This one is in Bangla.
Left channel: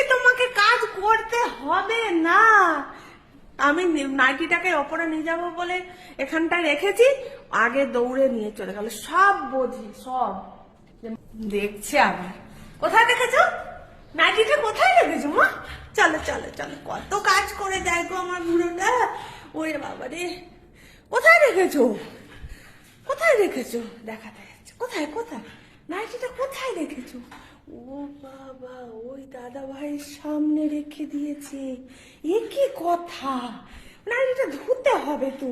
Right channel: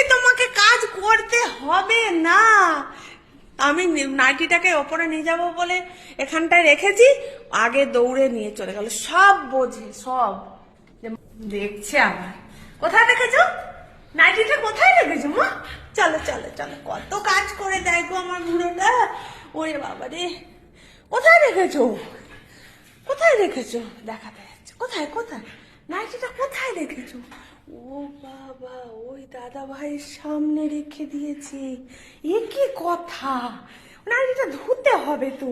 বলছি তোমাকে কাজ করতে হবে না। আমি নাইটিটাকে ওপরে নিয়ে যাবো বলে এখানটায় রেখেছি, আগে দৌড়ে নিয়ে চলে গেল। সব বোঝে, সব দেখছে। আবার কোথায় রেখেছো নাইটিটা? কোথায় রেখেছো মা? চলো চলো চলো, কত কাজ করে দেয় গো আমার বুড়োটা। ওরে বাবা রে, কোথায় রেখেছো? কোথায় রেখেছো? দেখাতে যাচ্ছে। কোথায় কোথায় নাইটিটা কোথায় রেখেছো? ও বাবা, ওই দাদা ভাইয়ের সামনে রেখে দিয়েছে। এ কি কথা? নাইটিটা ধুতে হবে তো।